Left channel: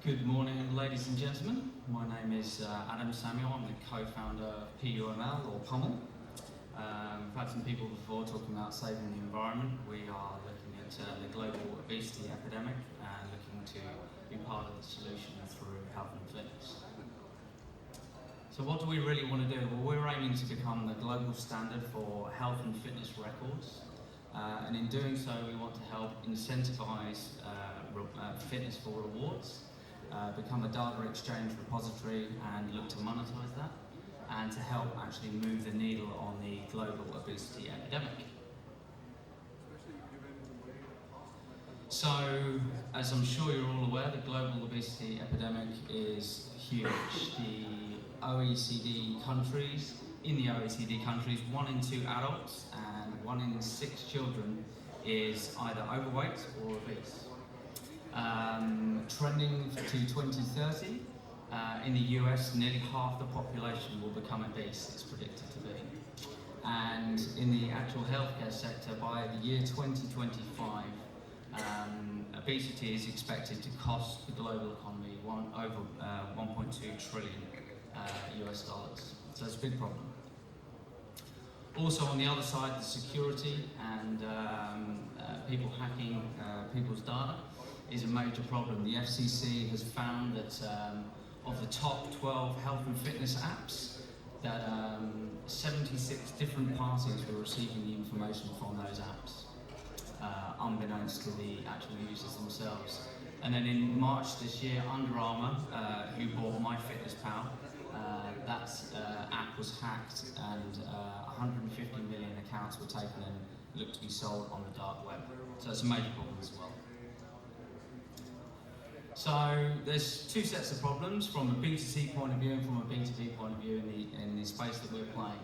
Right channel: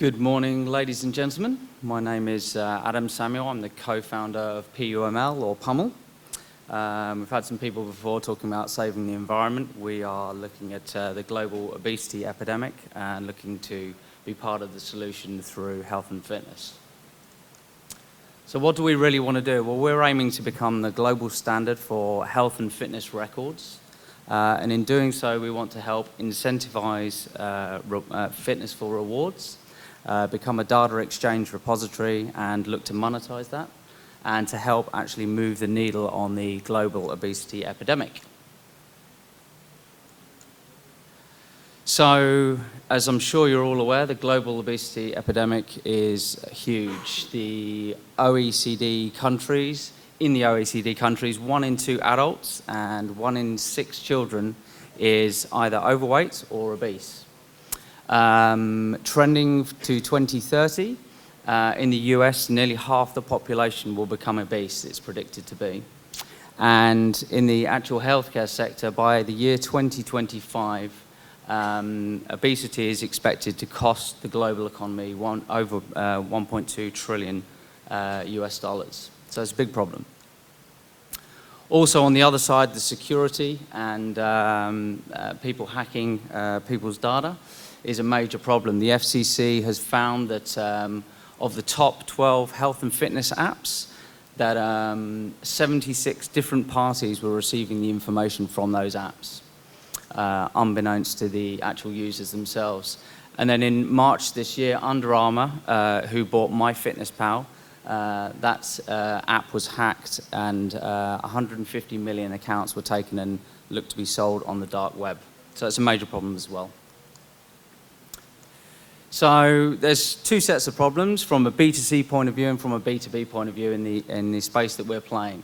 Good morning, ladies and gentlemen. My name is Adam Samuel. I'm the co-founder of PUML, or PUML. We've had some people before talking about saving the environment. We are looking at the global obesity epidemic and looking to be part of the solution through health and fitness. So what do we really want to do? Well, we're aiming to become the global standard for health and fitness records. And in doing so, we want to help incentivize fitness for rewards, become a data exchange repository and look to monetize that, and to help actually move the needle on the global obesity epidemic. So, as I'm sure you're all aware, the global obesity epidemic is huge. The OECD countries, in the OECD countries, 1 in 2 adults and 1 in 6 children is either overweight or obese. Trending to 2030, in the US, nearly half the population will become obese, it's predicted to be. And in the actual healthcare sector, by the year 2025, obesity is expected to cost the global economy over 1.2 trillion US dollars. So it's a big problem. Also, on the other side, the security and people hacking people's data is a major problem. The FCC has found that of the top 12 health and fitness apps, that 76 different parties were receiving the information from those apps, unbeknownst to the actual users themselves. And then in March this year, Under Armour, who bought MyFitnessPal, that app was hacked and 150 million accounts were taken and looked to be sold on the dark web. So it's a major problem as well. So there's 2 sets of problems from a B2C point of view and from a B2B point of view in the space that we're playing.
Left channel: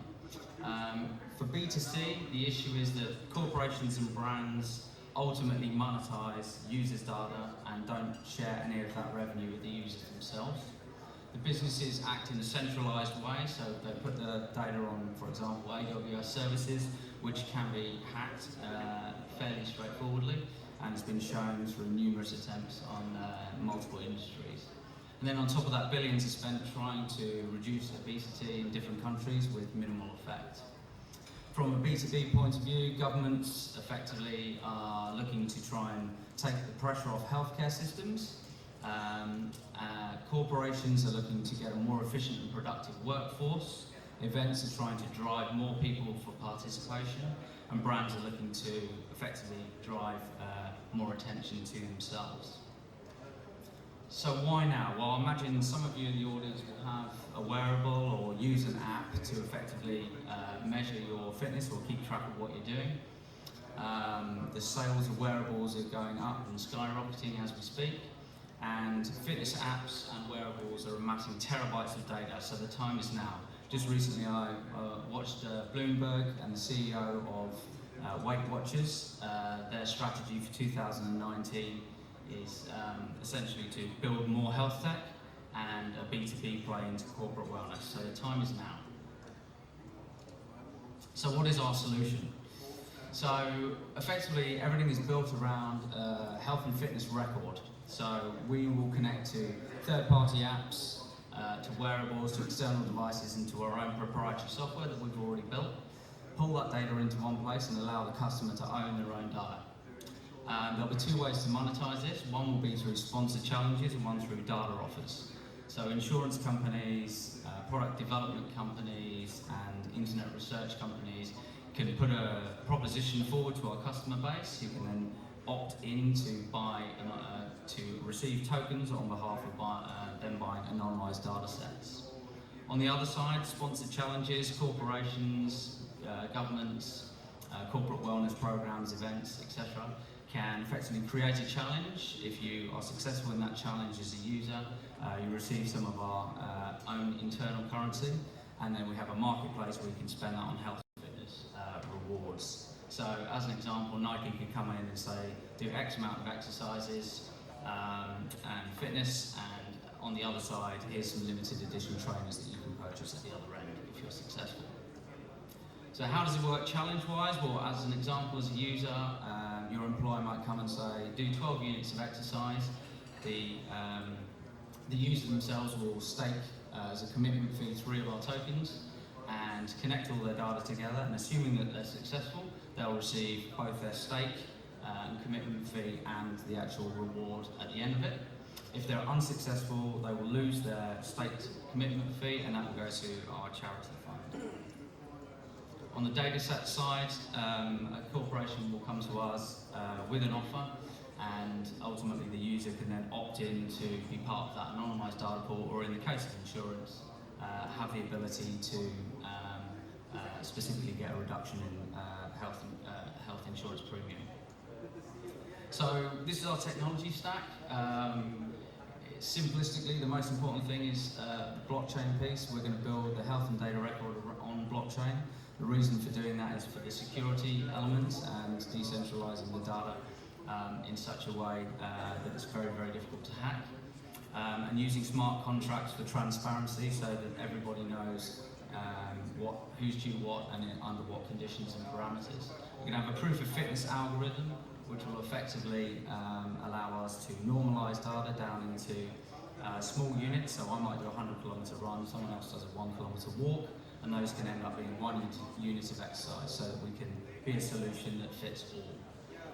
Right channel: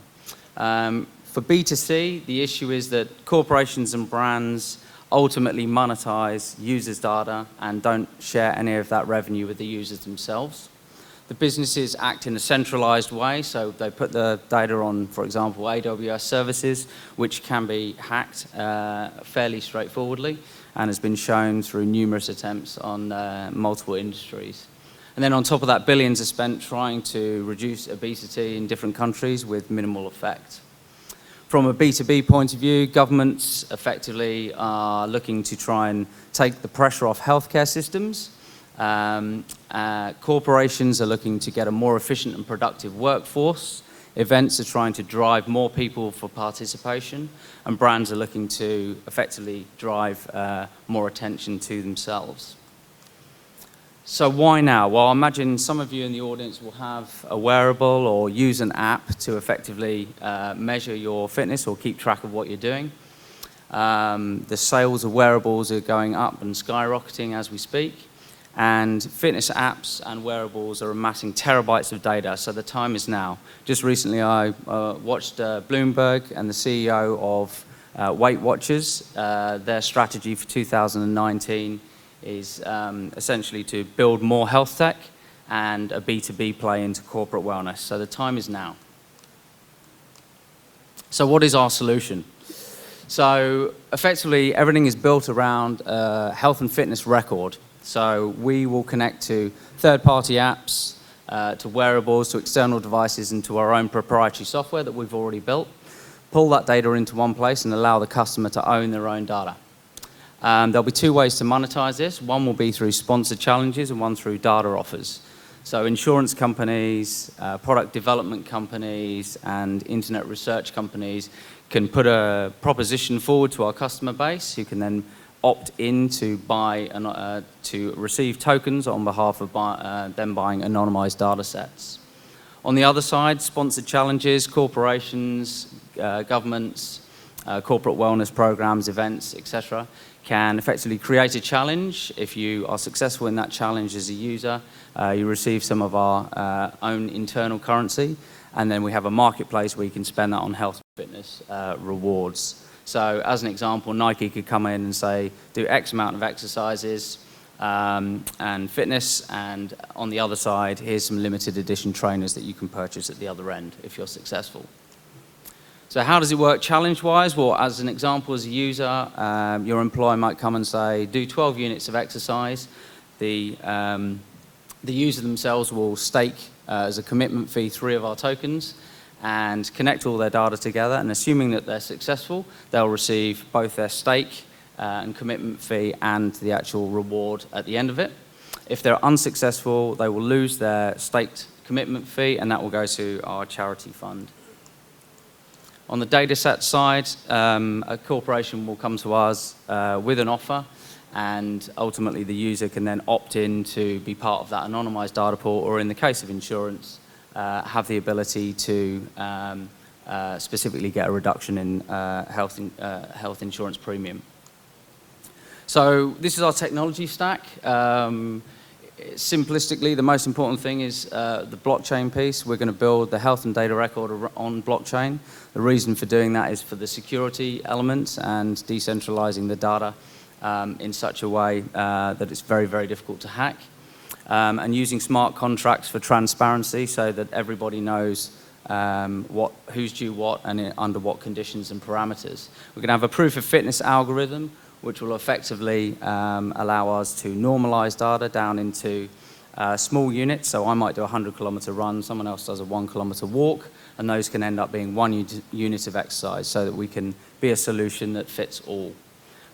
For B2C, the issue is that corporations and brands ultimately monetize users' data and don't share any of that revenue with the users themselves. The businesses act in a centralized way, so they put the data on, for example, AWS services, which can be hacked fairly straightforwardly, and has been shown through numerous attempts on multiple industries. And then on top of that, billions are spent trying to reduce obesity in different countries with minimal effect. From a B2B point of view, governments effectively are looking to try and take the pressure off healthcare systems. Corporations are looking to get a more efficient and productive workforce. Events are trying to drive more people for participation, and brands are looking to effectively drive more attention to themselves. So why now? Well, I imagine some of you in the audience will have a wearable or use an app to effectively measure your fitness or keep track of what you're doing. The sales of wearables are going up and skyrocketing as we speak. And fitness apps and wearables are amassing terabytes of data, so the time is now. Just recently I watched Bloomberg and the CEO of Weight Watchers. Their strategy for 2019 is essentially to build more health tech and a B2B play into corporate wellness, so the time is now. So what is our solution? So effectively everything is built around a health and fitness record. So we will connect to third-party apps, to wearables, to external devices, and to our own proprietary software that we've already built, pull that data into one place and allow the customer to own their own data. There'll be 2 ways to monetize this. One will be through sponsored challenges and one through data offers. So insurance companies, product development companies, and internet research companies can put a proposition forward to our customer base, who can then opt in to buy to receive tokens on behalf of them buying anonymized data sets. On the other side, sponsored challenges, corporations, governments, corporate wellness programs, events, etc., can effectively create a challenge. If you are successful in that challenge as a user, you receive some of our own internal currency, and then we have a marketplace where you can spend that on health and fitness rewards. So as an example, Nike could come in and say, do X amount of exercises and fitness, and on the other side, here's some limited edition trainers that you can purchase at the other end if you're successful. So how does it work challenge-wise? Well, as an example, as a user, your employer might come and say, do 12 units of exercise. The The user themselves will stake as a commitment fee 3 of our tokens and connect all their data together, and assuming that they're successful, they'll receive both their stake and commitment fee and the actual reward at the end of it. If they're unsuccessful, they will lose their staked commitment fee, and that will go to our charity fund. On the dataset side, a corporation will come to us with an offer, and ultimately the user can then opt in to be part of that anonymized data pool, or in the case of insurance, have the ability to specifically get a reduction in health insurance premium. So this is our technology stack. Simplistically, the most important thing is the blockchain piece. We're going to build the health and data record on blockchain. The reason for doing that is for the security elements and decentralizing the data in such a way that it's very, very difficult to hack. And using smart contracts for transparency so that everybody knows who's due what and under what conditions and parameters. We're going to have a proof of fitness algorithm which will effectively allow us to normalize data down into small units. So I might do a 100-kilometer run, someone else does a 1-kilometer walk, and those can end up being 1 unit of exercise so that we can be a solution that fits all.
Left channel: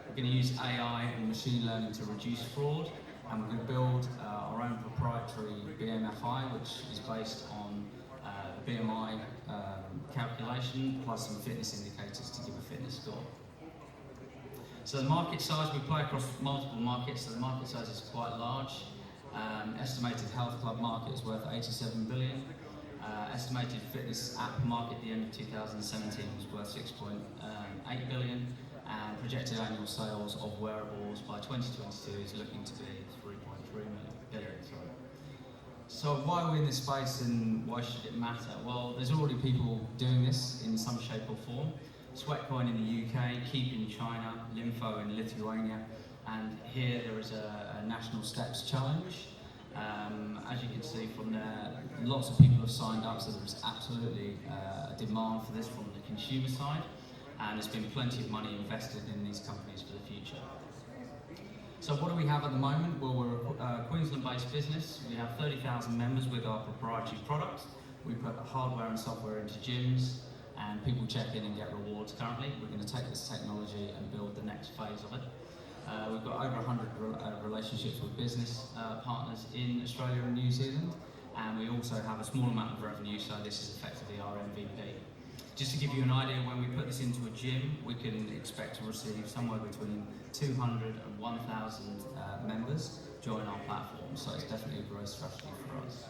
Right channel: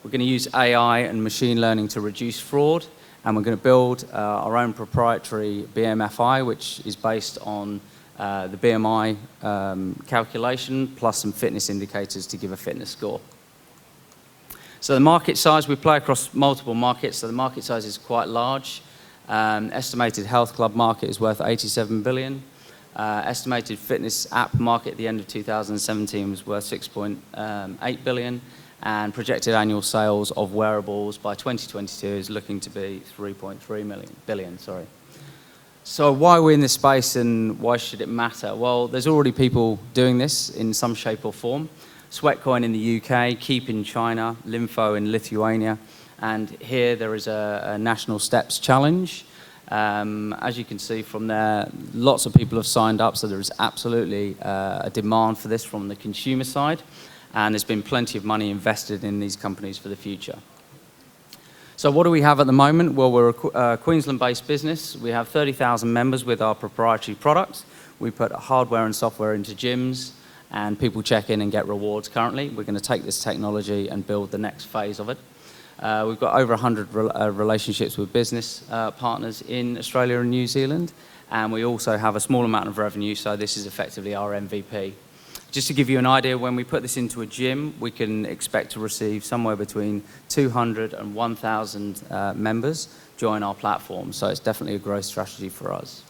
We're going to use AI and machine learning to reduce fraud, and we're going to build our own proprietary BMFI, which is based on the BMI calculation plus some fitness indicators to give a fitness score. So the market size, we play across multiple markets, so the market size is quite large. Estimated health club market is worth 87 billion. Estimated fitness app market at the end of 2017 was worth 6.8 billion. And projected annual sales of wearables by 2022 is looking to be 3.3 billion. So why are we in this space and why should it matter? Well, there's already people doing this in some shape or form. Sweatcoin in the UK, Keep in China, Lympho in Lithuania, and here there is a national steps challenge. As you can see from there, lots of people have signed up, so there is absolutely a demand for this from the consumer side, and there's been plenty of money invested in these companies for the future. So what do we have at the moment? Well, we're a Queensland-based business. We have 30,000 members with our proprietary products. We put hardware and software into gyms, and people check in and get rewards currently. We're going to take this technology and build the next phase of it. We've got over 100 relationships with business partners in Australia and New Zealand, and we also have a small amount of revenue, so this is effectively our MVP. Just to give you an idea, when we put this into a gym, we can expect to receive somewhere between 200 and 1,000 members join our platform, so it's definitely a growth strategy for us.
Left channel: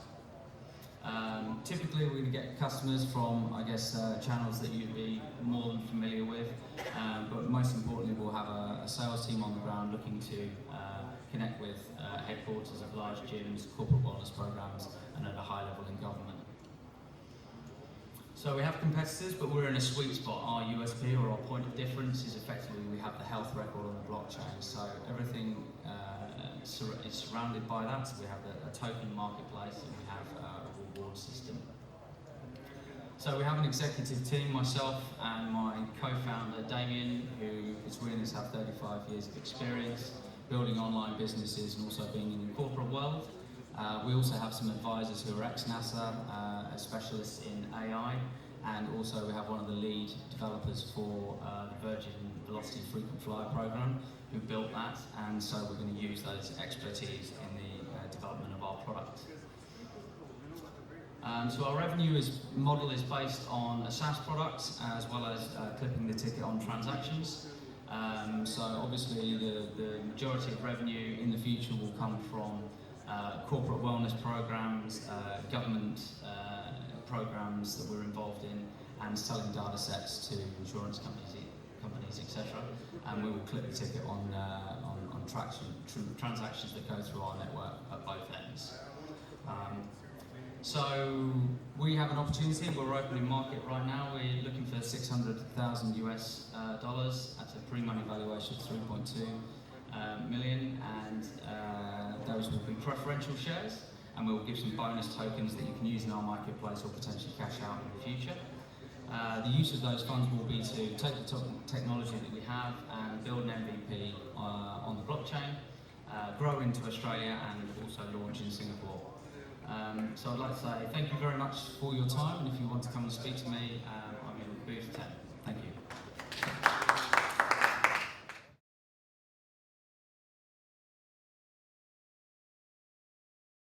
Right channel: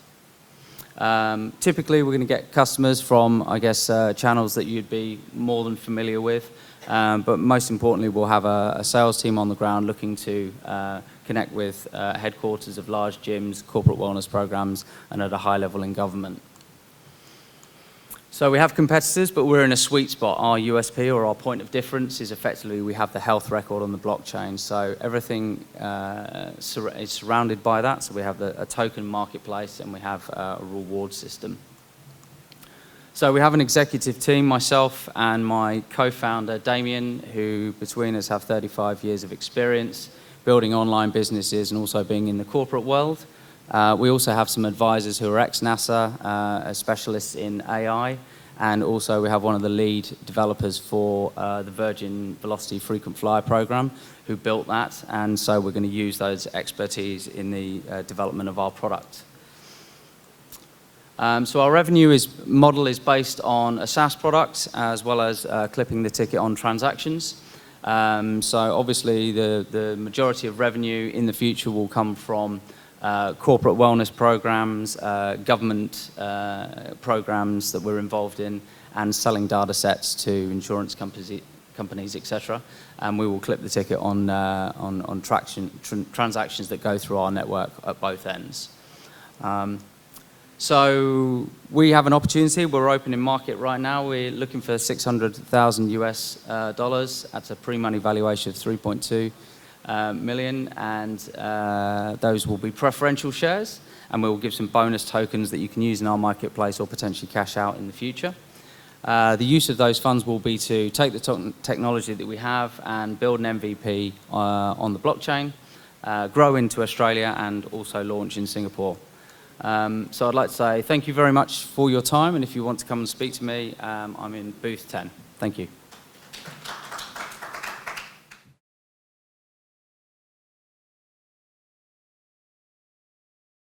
Typically, we're going to get customers from, I guess, channels that you'd be more than familiar with, but most importantly, we'll have a sales team on the ground looking to connect with headquarters of large gyms, corporate wellness programs, and at a high level in government. So we have competitors, but we're in a sweet spot. Our USP, or our point of difference, is effectively we have the health record on the blockchain. So everything is surrounded by that. So we have a token marketplace, and we have a reward system. So we have an executive team, myself and my co-founder, Damien, who between us have 35 years of experience building online businesses and also being in the corporate world. We also have some advisors who are ex-NASA, specialists in AI, and also we have one of the lead developers for the Virgin Velocity Frequent Flyer program who built that, and so we're going to use those expertise in the development of our product. So our revenue model is based on a SaaS product as well as clipping the ticket on transactions. So obviously the majority of revenue in the future will come from corporate wellness programs, government programs that we're involved in, and selling data sets to insurance companies, etc. And we will clip the ticket on transactions that go through our network at both ends. So we have an opportunity. We're open in market right now. We're looking for $600,000 US dollars at a pre-money valuation of 3.2 million, and those will be preferential shares, and we will give some bonus tokens that you can use in our marketplace or potentially cash out in the future. The use of those funds will be to take the technology that we have and build an MVP on the blockchain. grow into Australia and also launch in Singapore. So I'd like to say thank you very much for your time, and if you want to come and speak to me, I'm in booth 10. Thank you.